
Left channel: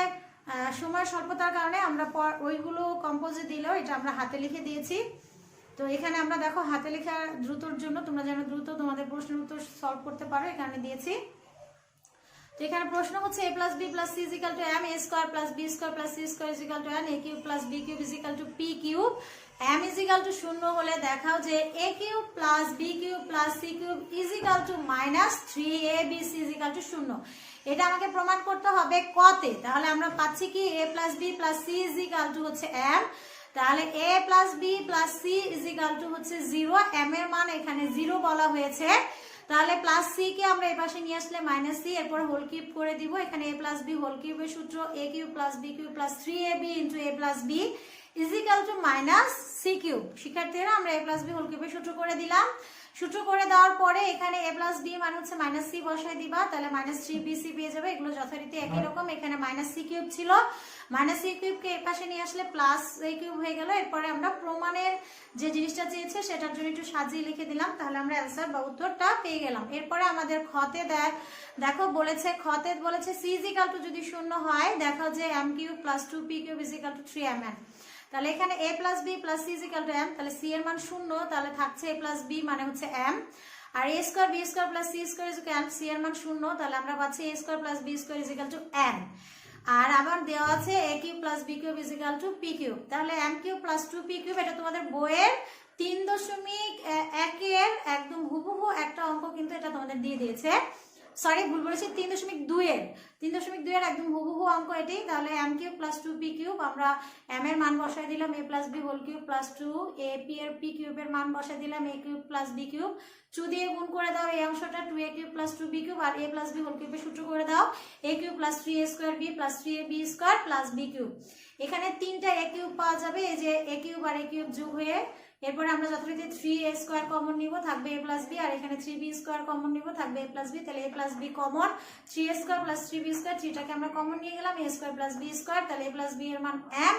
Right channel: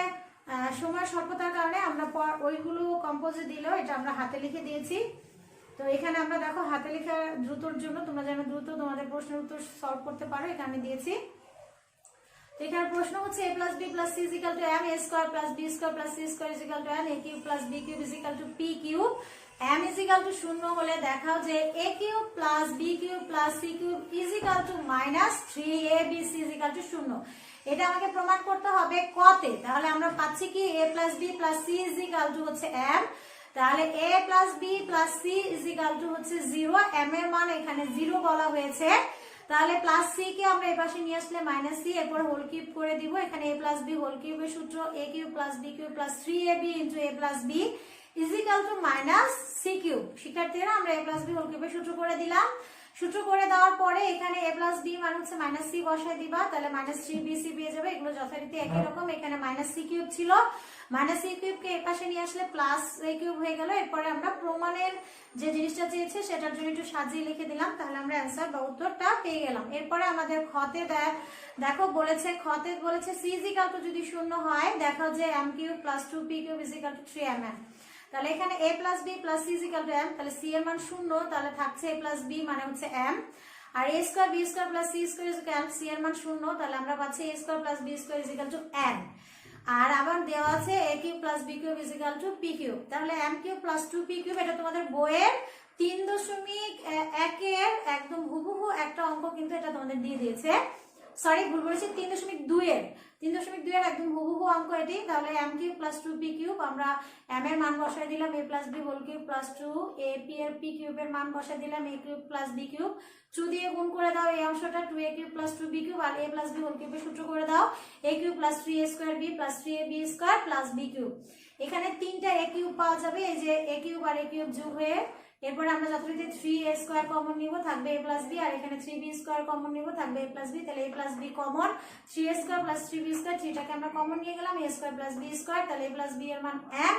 সময় স্বল্পতার কারণে আমরা ওইগুলো কম্পোজে দিলেও এটা আমরা হাতে লিখে দিয়েছি। তো এখানে আমরা দেখো হাতে লেখা দ্রুতর জন্য তোমরা যেন দ্রুত তোমাদের প্রশ্নের উত্তর সলভ করতে পারো, এখানে দিয়েছি। তো এখানে প্রশ্ন হচ্ছে a + b + c = m, a² + b² + c² = n, a³ + b³ = p³। m = 0 হলে দেখাও যে a³ + b³ + c³ = -3abc = 0। এটা আমাকে প্রমাণ করতে হবে কতে। তাহলে আমরা পাচ্ছি কি a + b + c হচ্ছে m, তাহলে a + b + c হচ্ছে 0, m এর মান এখানে 0 বলা হয়েছে। তাহলে +c কে আমরা এই পাশে নিয়ে আসলে -c, এরপর হোল কিউব করে দিব। এখানে a + b হোল কিউবের সূত্র a³ + b³ + 3ab * a + b = -c³। শিক্ষার্থীরা আমরা a + b হোল কিউবের সূত্র করে দিলাম। সূত্র করে দেওয়ার পরে এখানে a প্লাস বি মানে হচ্ছে মাইনাস সি বসায় দিবা, তাহলে মাইনাস 3bc পেয়ে যাবে। এগুলো যথারীতি একই রকম। এখানে মাইনাস সি কিউব ছিল, মাইনাস সি কিউবকে এর পাশে নিয়ে আসলে প্লাস এ কিউব হয়ে গেল। এরপরে আমরা প্রমাণের যে জিনিসটা চেয়েছে সেটার জন্য একটু সাজিয়ে লিখে দিলাম, তাহলে আমরা অ্যান্সার বা উত্তরটা পেয়ে গেলাম। এরপরে আমাদের খতে দেখো বলেছে, খতে বলেছে সি ইজ ইকুয়াল টু যদি শূন্য হয় দেখো যে M cube plus 2p cube is equal to 3mn। তাহলে এখানে a plus B plus C is equal to m, তাহলে সি এর মান শূন্য, তাহলে থাকছে a প্লাস বি মানে হচ্ছে m, আর a square B square plus C square is equal to C এর মান শূন্য, তাহলে আমরা পাচ্ছি a square plus B square is equal to n। আর আবার দেওয়া আছে a cube plus B cube is equal to p cube, তাহলে m cube plus 2p cube এটা তোমাদের বইয়ের 3.1 এর একদম হুবহু একটা অঙ্ক কিন্তু এটা তোমাদের দিয়ে দিয়েছে। সরি ভুল বলেছি, 3.2 এর 3.2 এর একদম হুবহু অঙ্ক এটি। তাহলে m cube plus 2p cube, আমরা m এর মান বসায় দিলাম a plus b whole cube plus 2 এর p কিউবের মান বসায় দিলাম a cube plus b cube, 2 দিয়ে গুণ করে দাও এই অংশটা 2a cube plus 2b cube, আর a প্লাস b হোল কিউবের সূত্র করে দাও a cube plus 3a square b plus 3ab square plus b cube. এখানে তিনটা a কিউব পাওয়া যাবে, এই যে a কিউব আর a কিউব যোগ হয়ে, এরপরে আমরা যথারীতি 3a স্কয়ার কমন নিব, থাকবে a প্লাস b, আর এখানে 3b স্কয়ার কমন নিব, থাকবে a প্লাস b, তাহলে a plus b common, 3a square plus 3b square, 3টাকে আমরা কমন নিয়ে গেলাম, a square plus b square, তাহলে a প্লাস b এর মান m,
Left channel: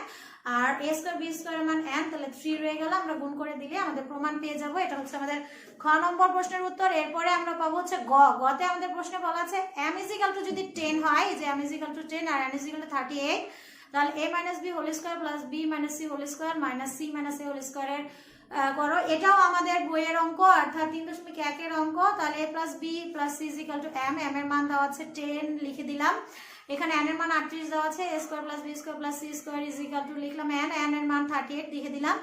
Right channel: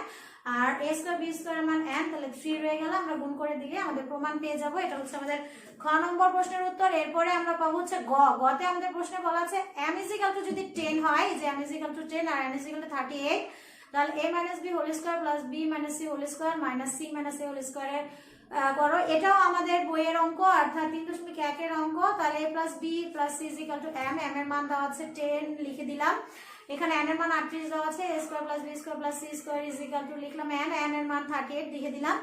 আর a স্কয়ার b স্কয়ার এর মান n, তাহলে 3 রয়ে গেল। আমরা গুণ করে দিলে আমাদের প্রমাণ পেয়ে যাব। এটা হচ্ছে আমাদের খ নম্বর প্রশ্নের উত্তর। এরপরে আমরা পাবো হচ্ছে গতে আমাদের প্রশ্নে বলা আছে m ইজ ইকুয়াল টু যদি 10 হয়, যে m ইজ ইকুয়াল টু 10 আর n ইজ ইকুয়াল টু 38, তাহলে a minus b whole square plus b minus c whole square minus c minus a whole square এর করো। এটাও আমাদের বইয়ের অঙ্ক, অর্থাৎ 3.1 এর অঙ্ক। তাহলে a plus b plus c is equal to m, m এর মান দেওয়া আছে 10 লিখে দিলাম, এখানে n এর মান 38 দেওয়া আছে, a square plus b square plus c square is equal to লিখলাম n, n এর মান 38 লিখে দিলাম,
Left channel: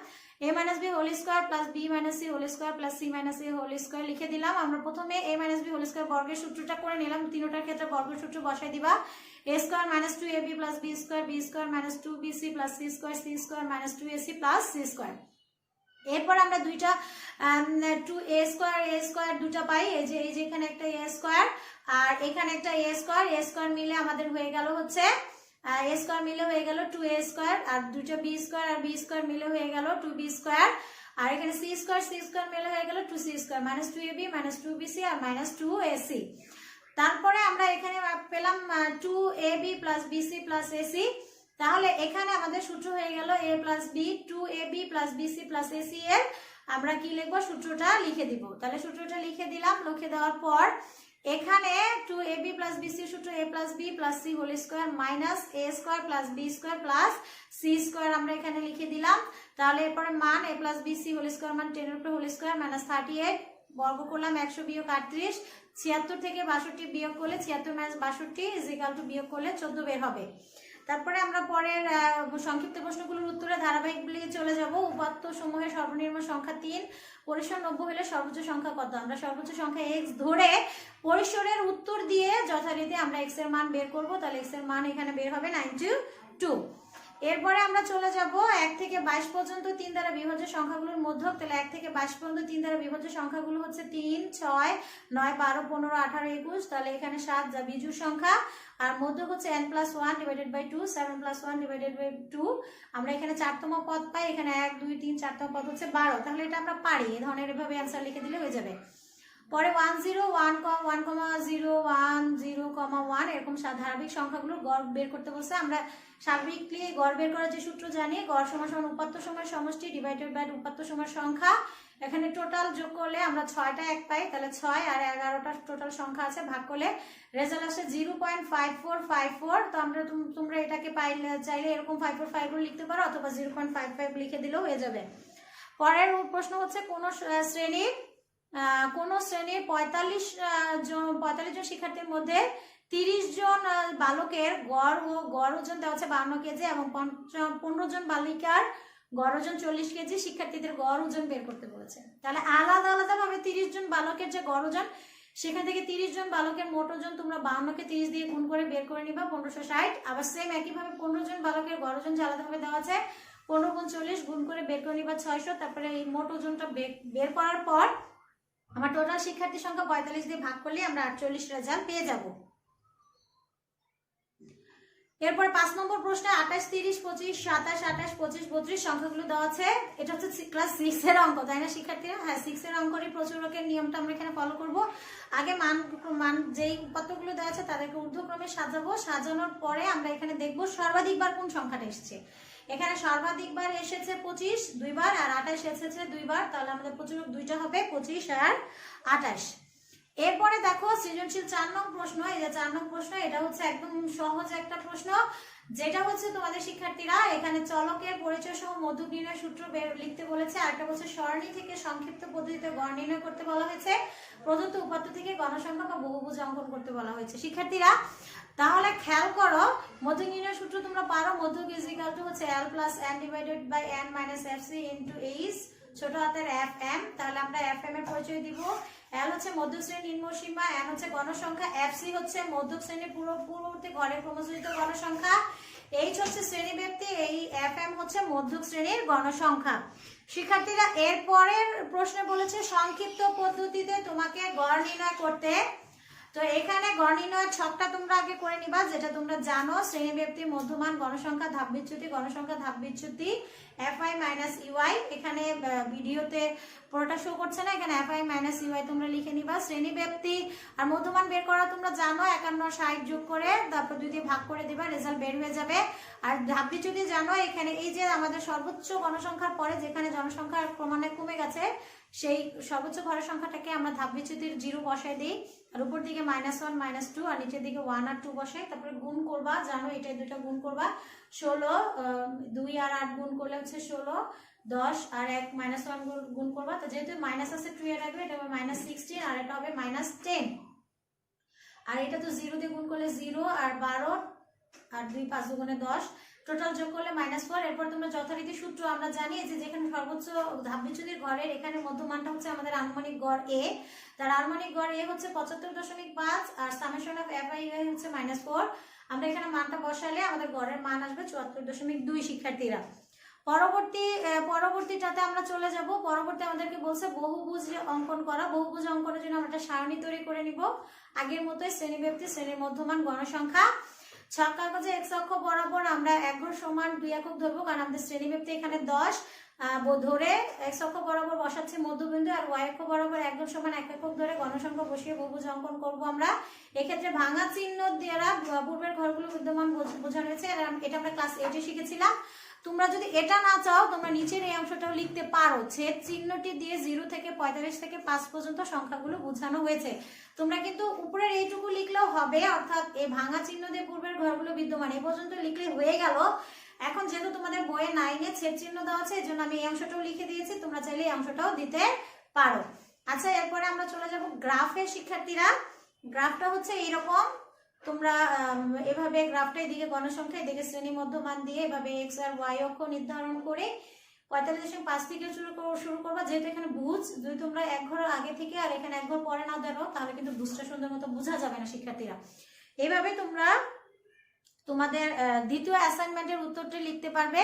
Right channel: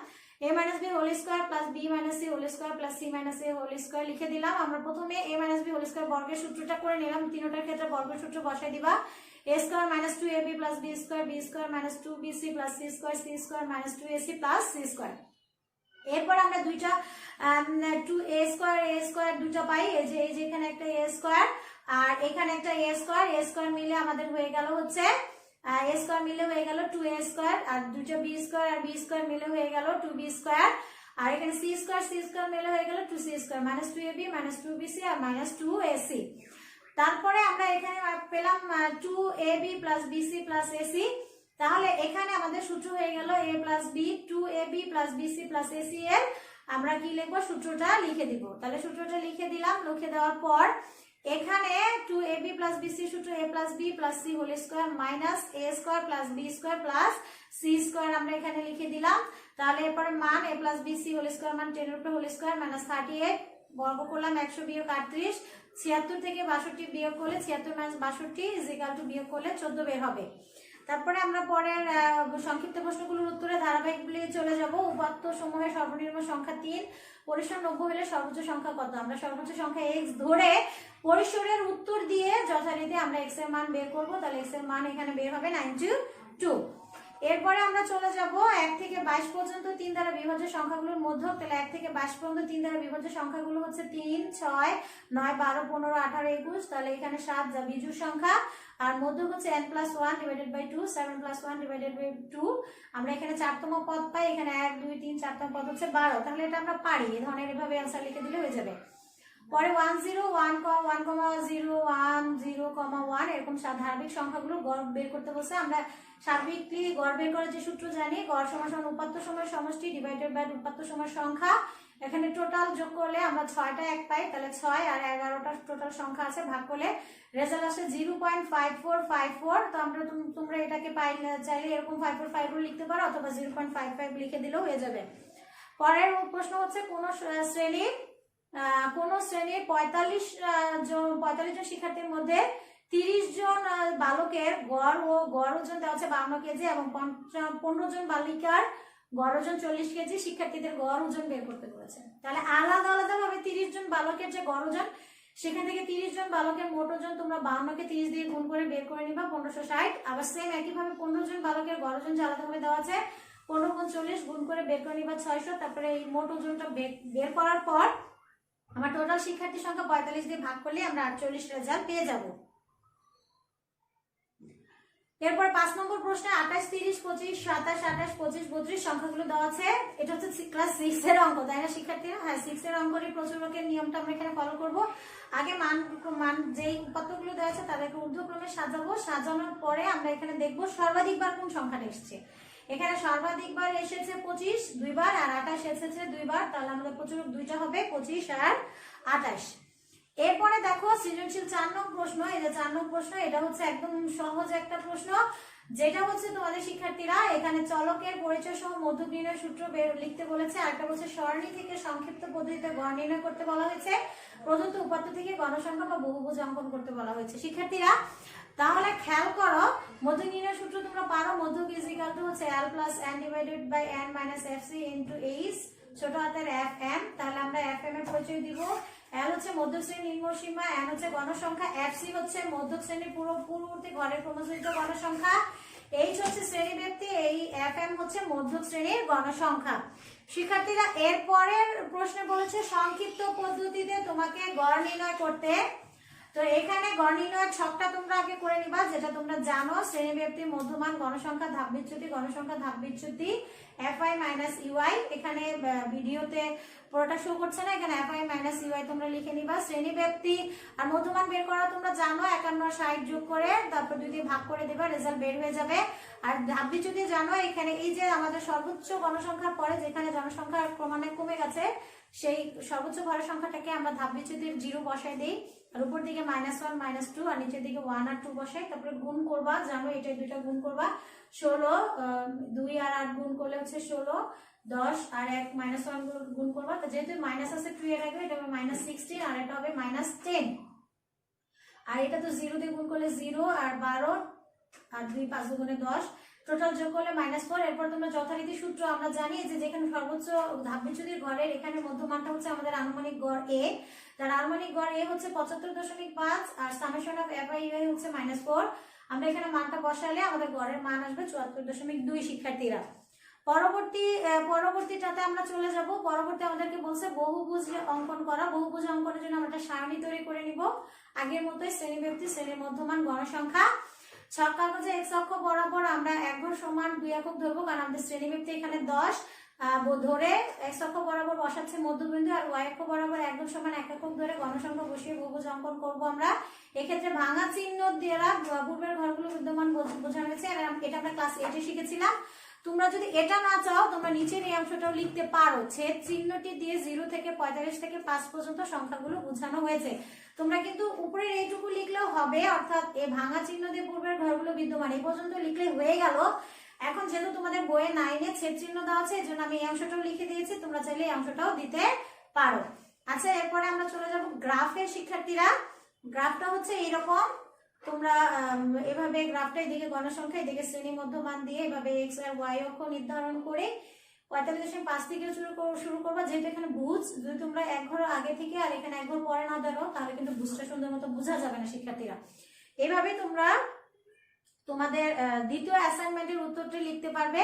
a minus b whole square plus b minus c whole square plus c minus a whole square লিখে দিলাম। আমরা প্রথমে a minus b whole square বর্গের সূত্রটা করে নিলাম, তিনটার ক্ষেত্রে বর্গের সূত্র বসাই দিবা, a square minus 2ab plus b square minus 2bc plus c square minus 2ac plus c square. এরপর আমরা দুইটা 2a স্কয়ার দুটো পাই, এই যে এখানে একটা a স্কয়ার আর এখানে একটা a স্কয়ার মিলে আমাদের হয়ে গেল হচ্ছে a স্কয়ার মিলে হয়ে গেল 2a স্কয়ার, আর দুটো b স্কয়ার আর b স্কয়ার মিলে হয়ে গেল 2b স্কয়ার, আর এখানে c স্কয়ার মিলে হয়ে গেল 2c square minus 2ab minus 2bc আর মাইনাস 2ac। তারপরে আমরা এখানে পেলাম 2ab plus bc plus ac, তাহলে এখানে আমাদের সূত্র হয়ে গেল a plus b 2ab plus bc plus ac এর আমরা কি লিখবো সূত্রটা লিখে দিব। তাহলে সূত্রটা লিখে দিলাম, লিখে দেওয়ার পর এখানে 2ab প্লাস bc সূত্র a plus b plus c whole square minus a square plus b square plus c square আমরা এখানে লিখে দিলাম। তাহলে এরপরে মান a plus bc whole square মান 10 এর উপর হোল স্কয়ার মাইনাস 38 বর্গ করলাম 100 বিয়োগ 38, 76 থেকে 62 বিয়োগ করলে 76 মাইনাস 62 ইজ ইকুয়াল টু বিয়োগ করলে 14 বের হবে। তারপরে আমরা পরের সংক্ষিপ্ত প্রশ্নগুলোর উত্তরে ধারাবাহিকগুলি চলে যাব। উপাত্ত সমূহের সর্বনিম্ন সংখ্যা 3, পরিসর 90 হলে সর্বোচ্চ সংখ্যা কত? আমরা সর্বোচ্চ সংখ্যা x ধরে পরিসরের উত্তর দিয়ে যথারীতি আমরা x এর মান বের করব, তাহলে x এর মান এখানে বের হবে 92। এরপরে আমরা চলে যাব 1 থেকে 22 পর্যন্ত 3 দ্বারা বিভাজ্য সংখ্যাগুলোর মধ্যক। তাহলে 1 থেকে 22 পর্যন্ত 3 দ্বারা বিভাজ্য সংখ্যাগুলো হচ্ছে 3, 6, 9, 12, 15, 18, 21, তাহলে এখানে 7 যা বিজোড় সংখ্যা, আর মধ্যক হচ্ছে n+1 divided by 2, 7+1 divided by 2। আমরা এখানে 4তম পদ পাই, এখানে 1, 2, 3, 4তম পদ হচ্ছে 12। তাহলে এটা আমরা পারি, এই ধরনের এভাবে অ্যানসার লিখে দিলে হয়ে যাবে। পরে 1 0 1 1 0 1 0 1 এরকম ধারাবাহিক সংখ্যাগুলো গড় বের করতে বলছে। আমরা স্বাভাবিকলি গড় বের করার যে সূত্র জানি, গড় সমান উপাত্ত সময়ের সমষ্টি ডিভাইডেড বাই উপাত্ত সময়ের সংখ্যা। এখানে টোটাল যোগ করলে আমরা 6টা 1 পাই, তাহলে 6 আর 11টা টোটাল সংখ্যা আছে, ভাগ করলে রেজাল্ট আসে 0.5454। তো আমরা তোমরা এটাকে পাইলে চাইলে এরকম 545 লিখতে পারো, অথবা 0.55 লিখে দিলেও হয়ে যাবে। পরের প্রশ্ন হচ্ছে কোন শ্রেণীর 45 জন শিক্ষার্থীর মধ্যে 30 জন বালকের গড় ওজন দেওয়া আছে 52 কেজি এবং 15 জন বালিকার গড় ওজন 40 কেজি। শিক্ষার্থীদের গড় ওজন বের করতে বলেছে। তাহলে আলাদা আলাদা ভাবে 30 জন বালকের যে গড় ওজন, সেখান থেকে 30 জন বালকের মোট ওজন তোমরা 52 কে 30 দিয়ে গুণ করে বের করে নিবা 1560। আবার সেম একই ভাবে 15 জন বালকের গড় ওজন যে আলাদা ভাবে দেওয়া আছে 15 গুণ 40 গুণ করে বের করে নিবা 600। তারপরে এই মোট ওজনটা বের করার পর আমার টোটাল শিক্ষার্থী সংখ্যা 45 দিয়ে ভাগ করলে আমরা 48 রেজাল্ট পেয়ে যাব। এরপর 5 নম্বর প্রশ্নে 28, 30, 25, 27, 28, 25, 32 সংখ্যাগুলো দেওয়া আছে। এটা হচ্ছে ক্লাস 6 এর অঙ্ক, তাই না শিক্ষার্থীরা? হ্যাঁ, 6 এর অঙ্কের প্রচুরকের নিয়মটা আমরা এখানে ফলো করব। আগে মান যেই উপাত্তগুলো দেওয়া আছে তাদেরকে ঊর্ধ্বক্রমে সাজাবো, সাজানোর পরে আমরা এখানে দেখব সর্বাধিকবার কোন সংখ্যাটা এসেছে। এখানে সর্বাধিকবার এসেছে 25 দুইবার, আর 28 এসেছে দুইবার, তাহলে আমাদের প্রচুরক দুইটা হবে, 25 আর 28। এরপরে দেখো সৃজনশীল 4 নং প্রশ্ন। এই যে 4 নং প্রশ্ন, এটা হচ্ছে একদম সহজ একটা প্রশ্ন, যেটা হচ্ছে তোমাদের শিক্ষার্থীরা এখানে চলকের পরিচয় সহ মধ্যক নির্ণয় সূত্র লিখতে বলেছে। আরেকটা বলছে সরণি থেকে সংক্ষিপ্ত পদ্ধতিতে গড় নির্ণয় করতে বলা হয়েছে। প্রদত্ত উপাত্ত থেকে গণসংখ্যা বা বহুভুজ অঙ্কন করতে বলা হয়েছে। শিক্ষার্থীরা তাহলে খেয়াল করো, মধ্যক নির্ণয় সূত্র তোমরা পারো। মধ্যক ইজ ইকুয়াল টু হচ্ছে l plus n divided by n minus fc into h ছোট হাতের fm। তাহলে আমরা fm এর পরিচয় দিব। l হচ্ছে মধ্যক শ্রেণীর নিম্ন সীমা, n হচ্ছে গণসংখ্যা, fc হচ্ছে মধ্যক শ্রেণীর পূর্ববর্তী ঘরের ক্রমযোজিত গণসংখ্যা, h হচ্ছে শ্রেণীব্যাপ্তি, এই fm হচ্ছে মধ্যক শ্রেণীর গণসংখ্যা। শিক্ষার্থীরা এর পরের প্রশ্নে বলেছে সংক্ষিপ্ত পদ্ধতিতে তোমাকে গড় নির্ণয় করতে। তো এখানে গড় নির্ণয়ের ছকটা তোমরা আগে করে নিবা, যেটা তোমরা জানো। শ্রেণীব্যাপ্তি, মধ্যমান, গণসংখ্যা, ধাপ বিচ্যুতি, গণসংখ্যা, ধাপ বিচ্যুতি, fi মাইনাস ইউআই। এখানে ভিডিওতে পুরোটা শো করছে না, এখানে fi মাইনাস ইউআই তোমরা লিখে নিবা। শ্রেণীব্যাপ্তি আর মধ্যমান বের করা তোমরা জানো, 51 60 যোগ করে তারপর 2 দিয়ে ভাগ করে দিবা, রেজাল্ট বের হয়ে যাবে। আর ধাপ বিচ্যুতি জানো, এখানে এই যে আমাদের সর্বোচ্চ গণসংখ্যার পরে যেখানে জনসংখ্যা ক্রমান্বয়ে কমে গেছে, সেই সর্বোচ্চ ঘরের সংখ্যাটাকে আমরা ধাপ বিচ্যুতির 0 বসায় দিই, আর উপর দিকে -1 -2 আর নিচের দিকে 1 আর 2 বসাই। তারপরে গুণ করবা, জানো এটা দুটো গুণ করবা, 16 2 আর 8 গুণ করলে হচ্ছে 16, 10 আর 1 -1 গুণ করবা। তো যেহেতু মাইনাস আছে 2 এর আগে, এটা হবে -16 আর এটা হবে -10। আর এটা তো 0 দিয়ে গুণ করলে 0 আর 12 আর 2 5 গুণে 10, টোটাল যোগ করলে -4। এরপর তোমরা যথারীতি সূত্র আমরা জানি যে যেখানে সর্বোচ্চ ধাপ বিচ্যুতির ঘরের এখানে মধ্যমানটা হচ্ছে আমাদের আনুমানিক গড় a, তার আনুমানিক গড় a হচ্ছে 75.5 আর সামেশন অফ fi হচ্ছে -4। আমরা এখানে মানটা বসালে আমাদের গড়ের মান আসবে 74.2। শিক্ষার্থীরা পরবর্তীটাতে আমরা চলে যাব। পরবর্তী আমাদেরকে বলছে বহুভুজ অঙ্কন করা। বহুভুজ অঙ্কনের জন্য আমরা একটা সারণী তৈরি করে নিব আগের মতোই, শ্রেণীব্যাপ্তি, শ্রেণীর মধ্যমান, গণসংখ্যা। ছক কাগজে x অক্ষ বরাবর আমরা 1 ঘর সমান 2 একক ধরবো, কারণ আমাদের শ্রেণীব্যাপ্তি এখানে 10 ধরে x অক্ষ বরাবর বসাচ্ছে মধ্যবিন্দু, আর y অক্ষ বরাবর 1 ঘর সমান 1 একক ধরে গণসংখ্যা বসিয়ে বহুভুজ অঙ্কন করব আমরা। এক্ষেত্রে ভাঙা চিহ্ন দ্বারা পূর্বের ঘরগুলো বিদ্যমান বোঝানো হয়েছে। এটা আমরা ক্লাস 8 এ শিখেছিলাম। তোমরা যদি এটা না চাও, তোমরা নিচের এই অংশটাও লিখতে পারো। ছেদ চিহ্নটি দিয়ে 0 থেকে 45 থেকে 5 পর্যন্ত সংখ্যাগুলো বোঝানো হয়েছে। তোমরা কিন্তু উপরের এইটুকু লিখলেও হবে, অর্থাৎ এই ভাঙা চিহ্ন দিয়ে পূর্বের ঘরগুলো বিদ্যমান এই পর্যন্ত লিখলে হয়ে গেল। এখন যেহেতু তোমাদের বইয়ে 9 এ ছেদ চিহ্ন দেওয়া আছে, এজন্য আমি এই অংশটাও লিখে দিয়েছি, তোমরা চাইলে এই অংশটাও দিতে পারো। আচ্ছা, এরপরে আমরা চলে যাব গ্রাফে। শিক্ষার্থীরা গ্রাফটা হচ্ছে এইরকম, তোমরা এভাবে গ্রাফটা এদিকে গণসংখ্যা, এদিকে শ্রেণী মধ্যমান দিয়ে এভাবে x আর y অক্ষ নির্ধারণ করে 45.5 থেকে শুরু করবা। যেহেতু এখানে ভুজ, যদি তোমরা 1 ঘর আগে থেকে আর এখানে 1 ঘর পরে না ধরো, তাহলে কিন্তু ভুজটা সুন্দর মতো বোঝা যাবে না। শিক্ষার্থীরা এইভাবে তোমরা তোমাদের দ্বিতীয় অ্যাসাইনমেন্টের উত্তরটি লিখতে পারবে।